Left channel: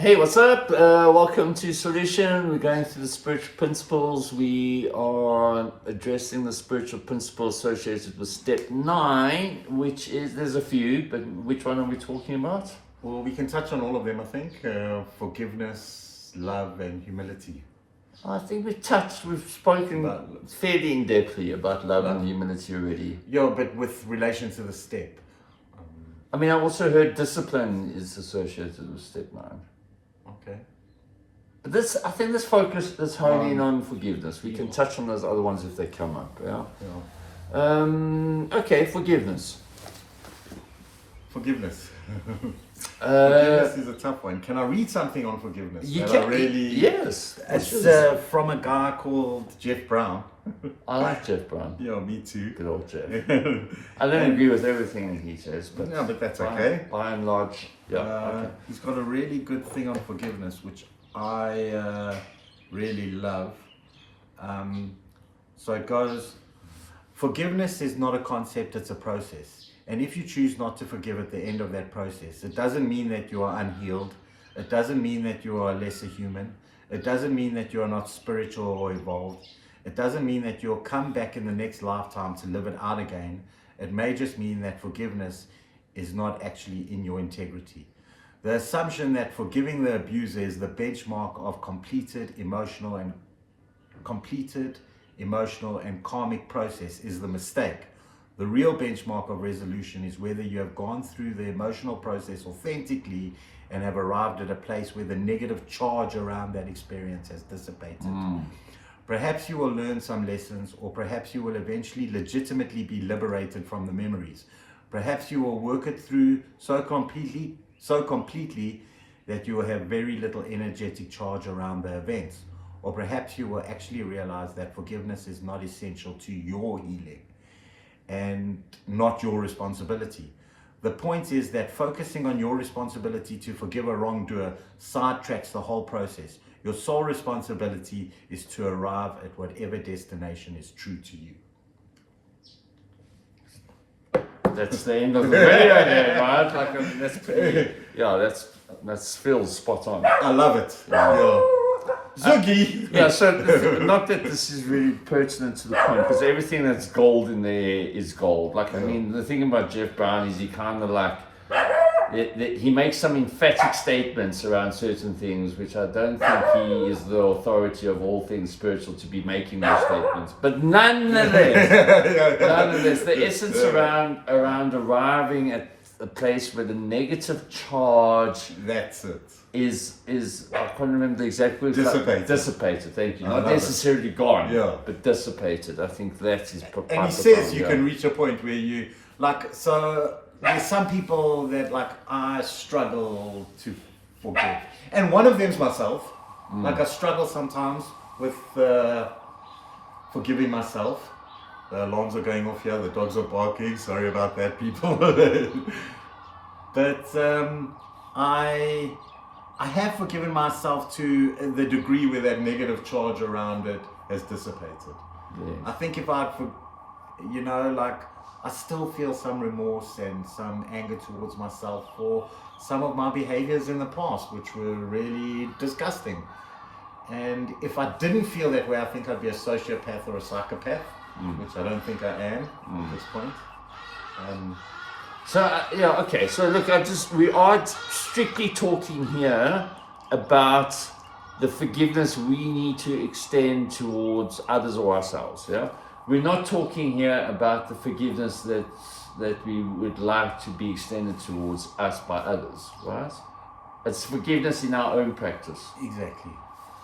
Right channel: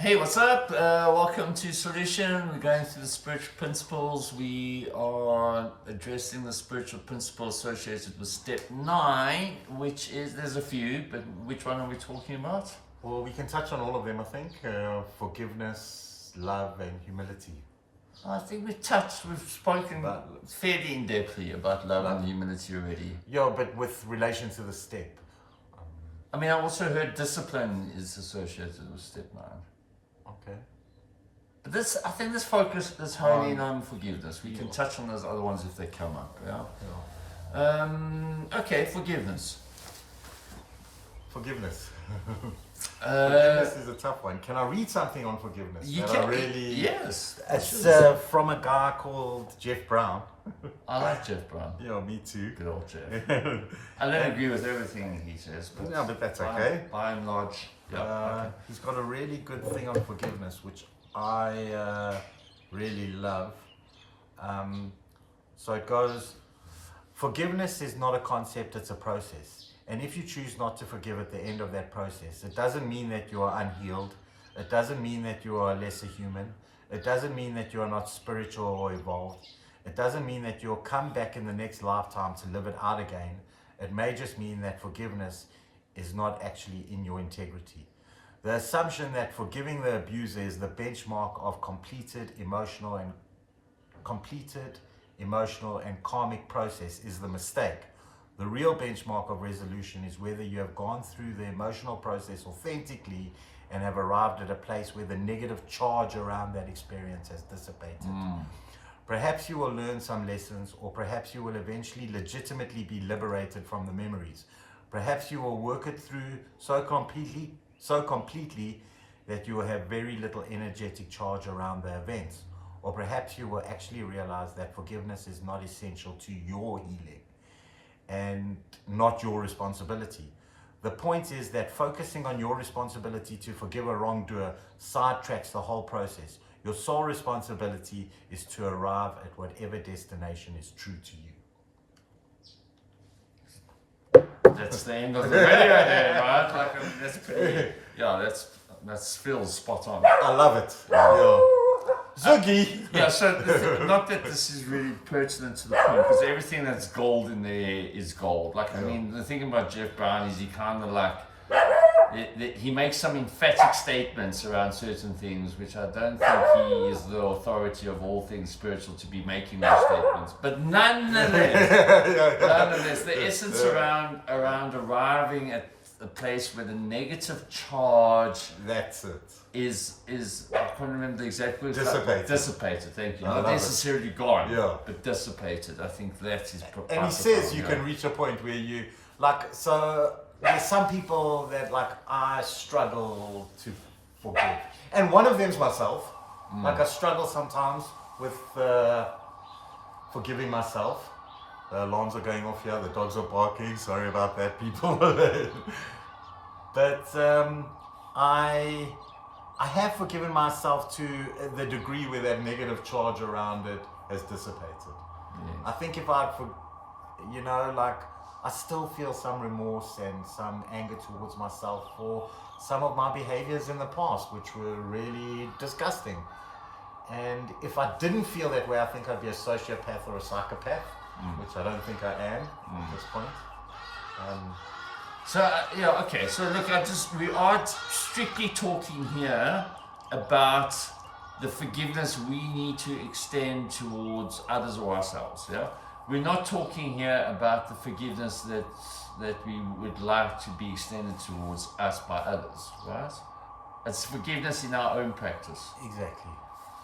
Hey, what's up? Welcome to Solution. We're going through the spiritual principles. We are addressing the spiritual principles associated with step 9, which is, there's a few, but which one are we talking about? Well, we can touch on all of them, I think. Forgiveness, love, and humility. I think we've spoken fairly in depthly about love and humility already. Yeah, but with relation to the step. I mean, I also heard discipline is associated with step 9. Okay. But I think this focus is honing on forgiveness. We can touch on those other ones if they come up, yeah? Okay, forgiveness. Forgiveness is a tough one. Can I read something on forgiveness? Yes. It's from a guy called Jeff Brown. I like Jeff Brown. Yeah, me too. Good old Jeff. I don't agree with everything he says, but no, but that's okay. By and large, okay. He's got a really good thing on forgiveness, which I really love. So it goes, forgiveness is not a concept, it's a process. And if you choose not to forgive at the end of that process, it doesn't mean that you are unhealed. It doesn't mean that you are a lesser human. It doesn't mean that you are not spiritual or evolved. It doesn't mean that you'll come back in the next lifetime to live it out again. It may just mean that forgiveness is not actually in your integrity. The assumption that forgiving the abuser is the benchmark of completed emotional and karmic process is the mistake. The real benchmark of resolution is whether you have gone through the emotional process authentically and have arrived at a place where the negative charge around that experience has dissipated. Perhaps you will learn some lessons, or perhaps you will eventually legitimately be liberated from the memories. Perhaps you will work it through so completely that you will have very little energetic charge around the events. Or perhaps you will actually realize that forgiveness is not essential to your healing and not your responsibility. The point is that focusing on your responsibility to forgive a wrongdoer sidetracks the whole process. Your sole responsibility is to arrive at whatever destination is true to you. That's the end of the video there, right? Like, that's pretty, that's Phil's spot on. I love it. Yeah. Zoogie! Yeah, so not that this is really pertinent to the point, because everything that's gold in there is gold. Like, I mean, the thing about Jeff Brown is he kind of like, he makes some emphatic statements around certain things, which I don't think he is the authority of all things spiritual to be making those statements. But nonetheless, the essence around arriving at a place where the negative charge That's it. is I can't remember the exact word. Dissipated, thank you. Not necessarily gone, but dissipated. I think that is proper. And he says you can reach a point where you, like, so there's some people that, like, I struggle to forgive. And one of them's myself. Like, I struggle sometimes with forgiving myself. The alarms are going off here, the dogs are barking. Sorry about that, people. But I have forgiven myself to the degree where that negative charge around it has dissipated. Yeah. I think if I still feel some remorse and some anger towards myself for some of my behaviors in the past, which were really disgusting. And if I didn't feel that way, I think I'd be a sociopath or a psychopath, which I don't think I am at this point. So look, we are strictly talking here about the forgiveness we need to extend towards others or ourselves. Yeah, we're not talking here about the forgiveness that we would like to be extended towards us by others, right? It's forgiveness in our own practice. Exactly.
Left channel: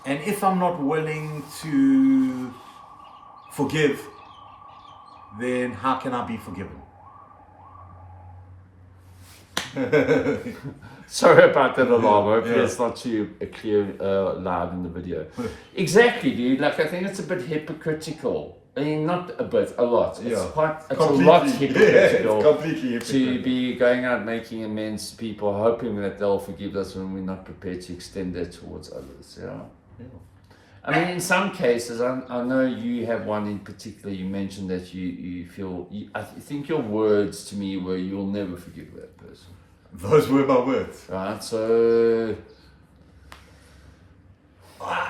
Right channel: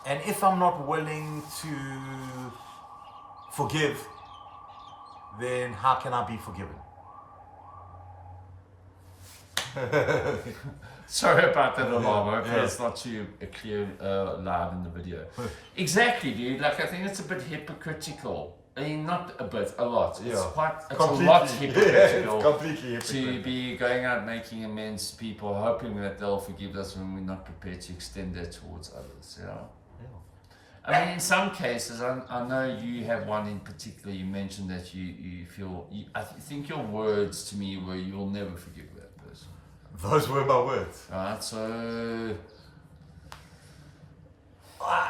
And if I'm not willing to forgive, then how can I be forgiven? Sorry about that alarm. Hopefully it's not too clear live in the video. Exactly, dude. Like, I think it's a bit hypocritical. I mean, not a bit, a lot. It's a lot hypocritical. It's completely hypocritical to be going out making amends to people, hoping that they'll forgive us when we're not prepared to extend that towards others. Yeah. I mean, in some cases, I know you have one in particular. You mentioned that you feel. I think your words to me were, "You'll never forgive that person." Those were my words. Right. So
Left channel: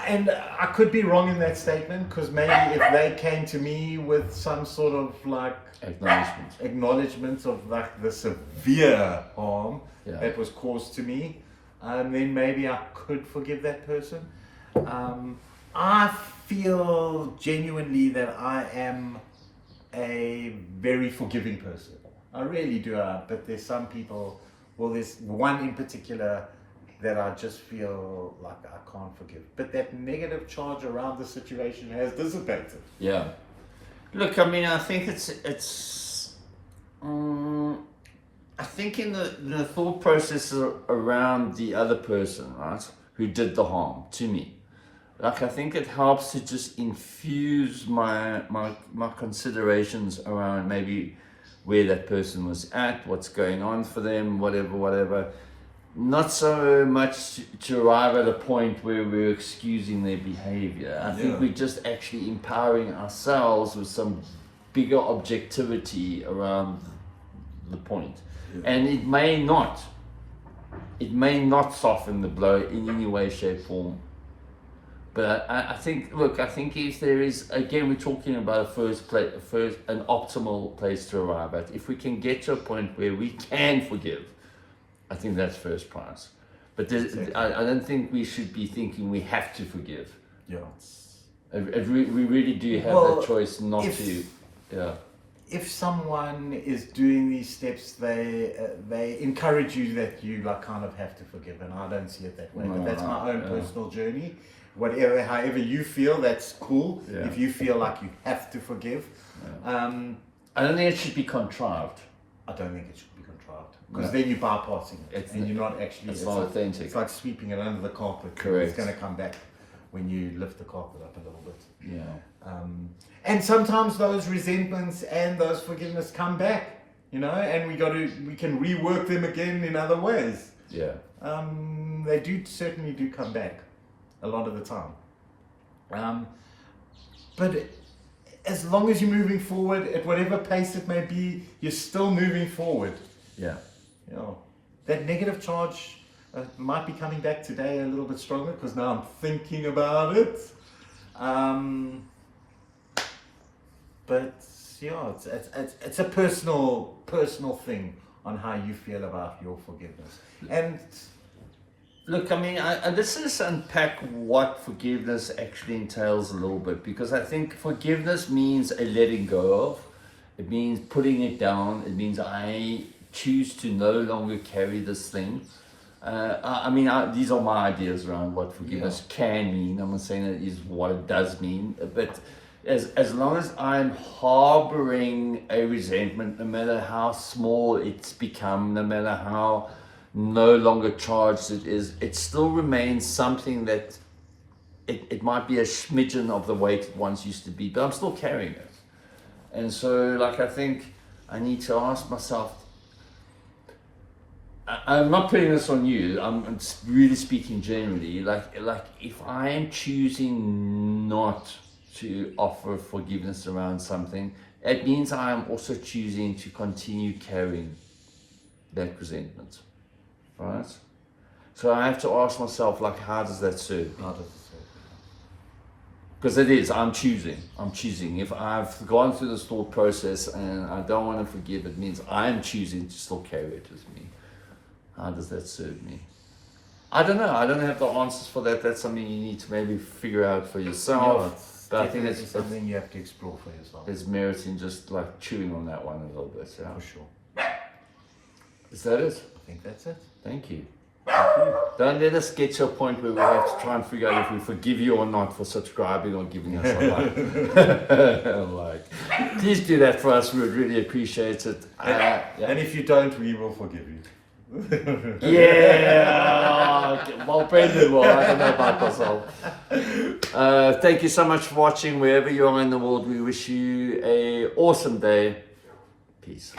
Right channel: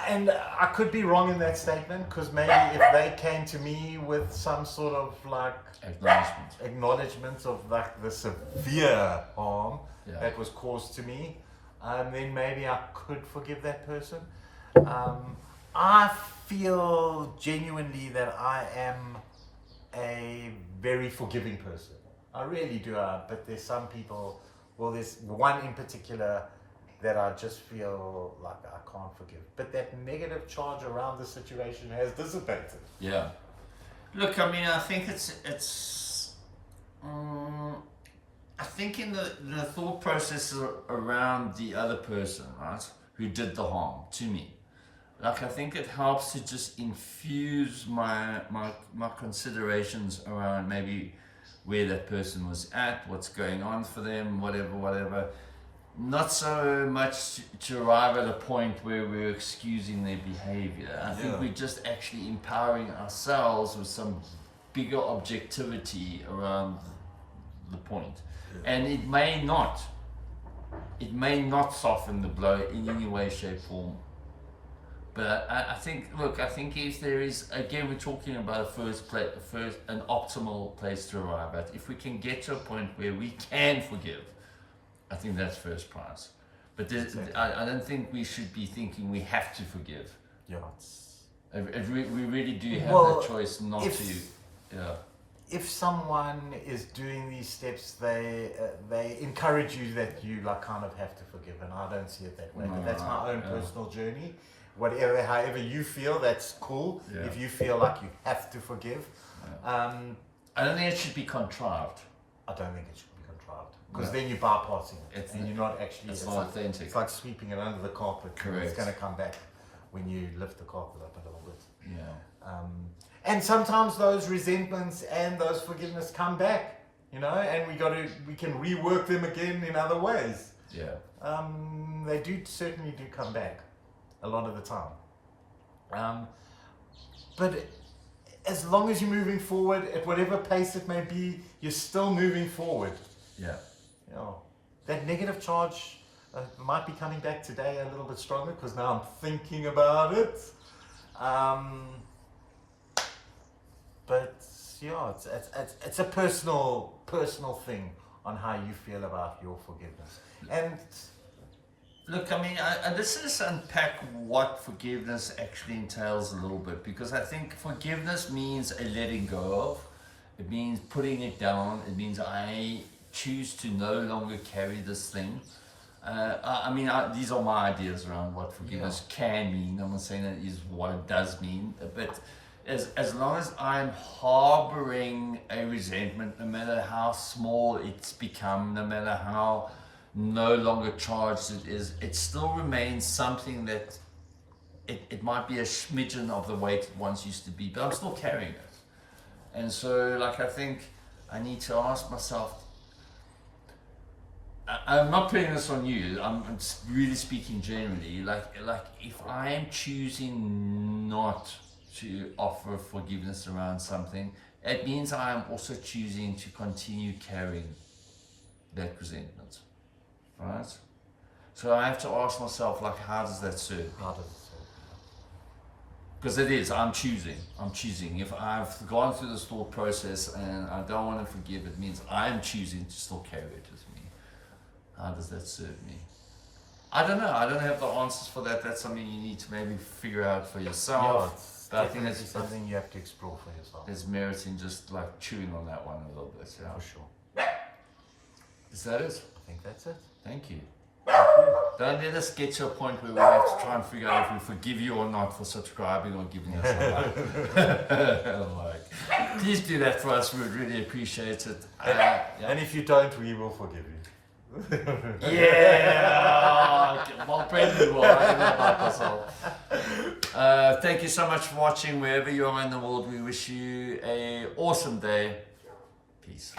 And I could be wrong in that statement, because maybe if they came to me with some sort of like acknowledgement of like the severe harm that was caused to me, then maybe I could forgive that person. I feel genuinely that I am a very forgiving person. I really do. But there's some people, well, there's one in particular that I just feel like I can't forgive. But that negative charge around the situation has dissipated. Yeah. Look, I mean, I think I think in the thought process around the other person, right, who did the harm to me, like I think it helps to just infuse my considerations around maybe where that person was at, what's going on for them, whatever. Not so much to arrive at a point where we're excusing their behavior. I think we're just actually empowering ourselves with some bigger objectivity around the point. And it may not soften the blow in any way, shape, form. But I think if there is, again, we're talking about an optimal place to arrive at. If we can get to a point where we can forgive, I think that's first prize. But I don't think we should be thinking we have to forgive. Yeah. We really do have that choice not to. Yeah. If someone is doing these steps, they encourage you that you like kind of have to forgive, and I don't see it that way. But that's my own personal journey. However you feel, that's cool. Yeah. If you feel like you have to forgive, I don't think it should be contrived. I don't think it should be contrived, because then you're bypassing it, and you're not actually. It's not authentic. It's like sweeping it under the carpet. Correct. It's going to come back when you lift the carpet up a little bit. Yeah. And sometimes those resentments and those forgiveness come back, and we can rework them again in other ways. Yeah. They certainly do come back a lot of the time. But as long as you're moving forward at whatever pace it may be, you're still moving forward. Yeah. That negative charge might be coming back today a little bit stronger, because now I'm thinking about it. But it's a personal thing on how you feel about your forgiveness. And look, I mean, let's unpack what forgiveness actually entails a little bit, because I think forgiveness means a letting go of. It means putting it down. It means I choose to no longer carry this thing. These are my ideas around what forgiveness can mean. I'm not saying that is what it does mean, but as long as I'm harboring a resentment, no matter how small it's become, no matter how no longer charged it is, it still remains something that it might be a smidgen of the weight it once used to be, but I'm still carrying it. And so, I think I need to ask myself, I'm not putting this on you, I'm really speaking generally, like if I am choosing not to offer forgiveness around something, it means I am also choosing to continue carrying that resentment, right? So I have to ask myself, how does that serve? Because it is, I'm choosing. If I've gone through this thought process and I don't want to forgive, it means I'm choosing to still carry it with me. How does that serve me? I don't know. I don't have the answers for that. That's something you need to maybe figure out for yourself. But I think it's something you have to explore for yourself. There's merit in just chewing on that one a little bit. Yeah. For sure. Is that it? I think that's it. Thank you. Don't let us get to a point where we have to try and figure out if we forgive you or not for subscribing or giving us a like. Please do that for us. We would really appreciate it. And if you don't, we will forgive you. Well, Brendan will. I don't know about myself. Thank you so much for watching. Wherever you are in the world, we wish you an awesome day. Peace.